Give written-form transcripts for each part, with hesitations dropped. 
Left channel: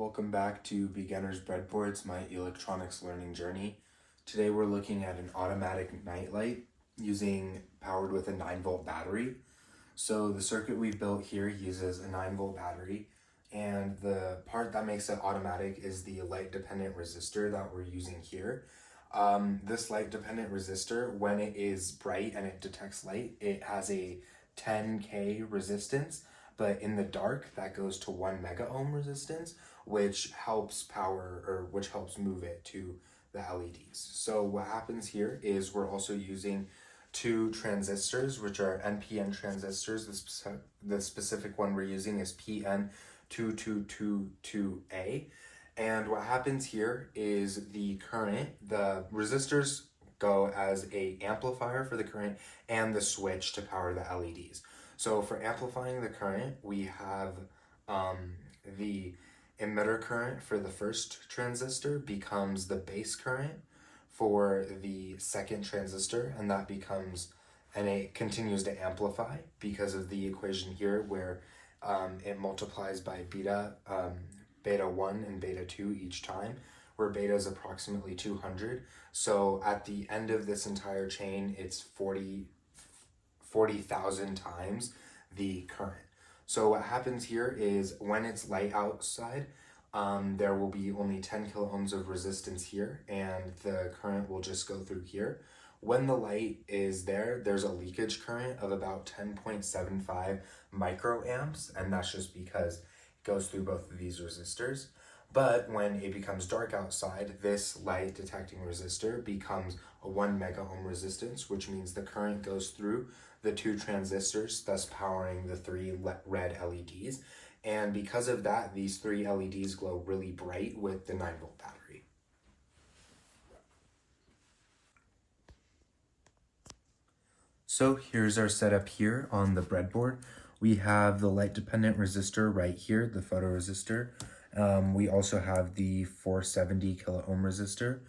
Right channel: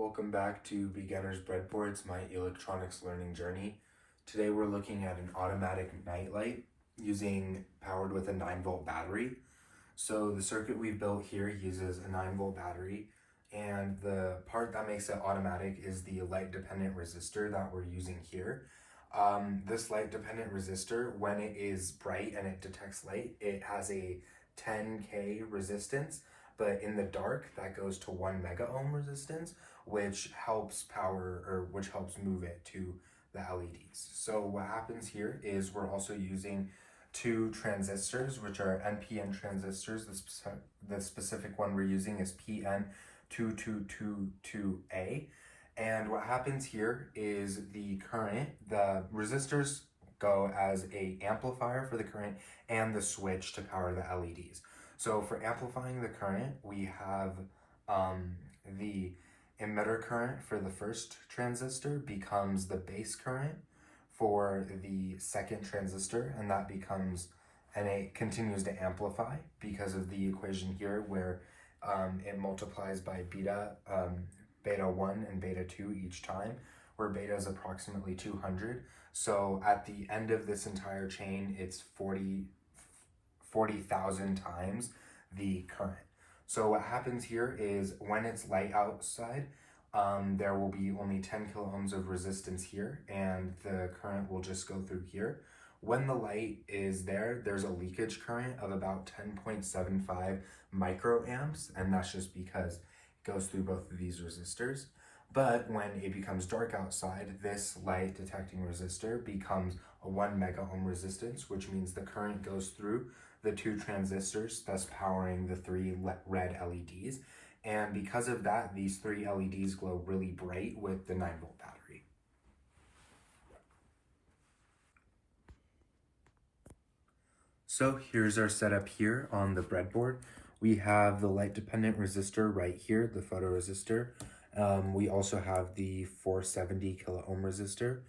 Welcome back to Beginner's Breadboards, my electronics learning journey. Today we're looking at an automatic night light powered with a 9-volt battery. So the circuit we've built here uses a 9-volt battery, and the part that makes it automatic is the light dependent resistor that we're using here. This light dependent resistor, when it is bright and it detects light, it has a 10K resistance, but in the dark that goes to 1 mega ohm resistance, which helps move it to the LEDs. So what happens here is we're also using two transistors, which are NPN transistors. The specific one we're using is PN2222A. And what happens here is the resistors go as a amplifier for the current and the switch to power the LEDs. So for amplifying the current, we have the emitter current for the first transistor becomes the base current for the second transistor, and that becomes, and it continues to amplify because of the equation here where it multiplies by beta 1 and beta 2 each time, where beta is approximately 200. So at the end of this entire chain, it's 40,000 times the current. So what happens here is when it's light outside, there will be only 10 kilo ohms of resistance here, and the current will just go through here. When the light is there, there's a leakage current of about 10.75 microamps, and that's just because it goes through both of these resistors. But when it becomes dark outside, this light detecting resistor becomes a 1 mega ohm resistance, which means the current goes through the two transistors, thus powering the three red LEDs. And because of that, these three LEDs glow really bright with the 9-volt battery. So here's our setup here on the breadboard. We have the light dependent resistor right here, the photoresistor. We also have the 470 kilo ohm resistor.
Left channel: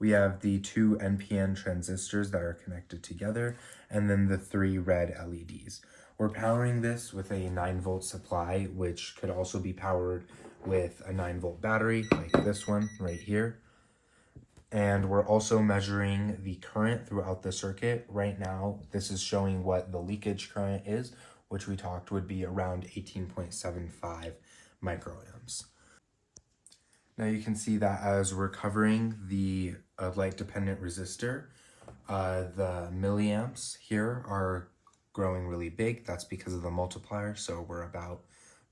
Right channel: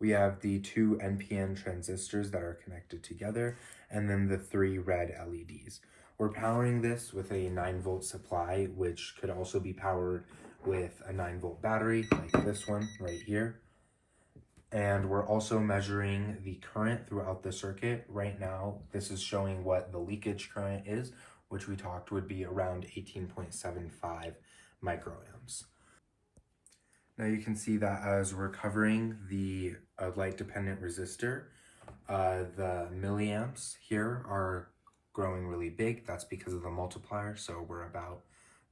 We have the two NPN transistors that are connected together, and then the three red LEDs. We're powering this with a 9-volt supply, which could also be powered with a 9-volt battery, like this one right here. And we're also measuring the current throughout the circuit. Right now, this is showing what the leakage current is, which we talked would be around 18.75 microamps. Now you can see that as we're covering the light-dependent resistor, the milliamps here are growing really big. That's because of the multiplier, so we're about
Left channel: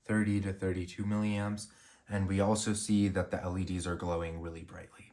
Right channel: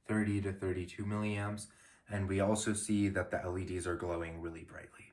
30 to 32 milliamps. And we also see that the LEDs are glowing really brightly.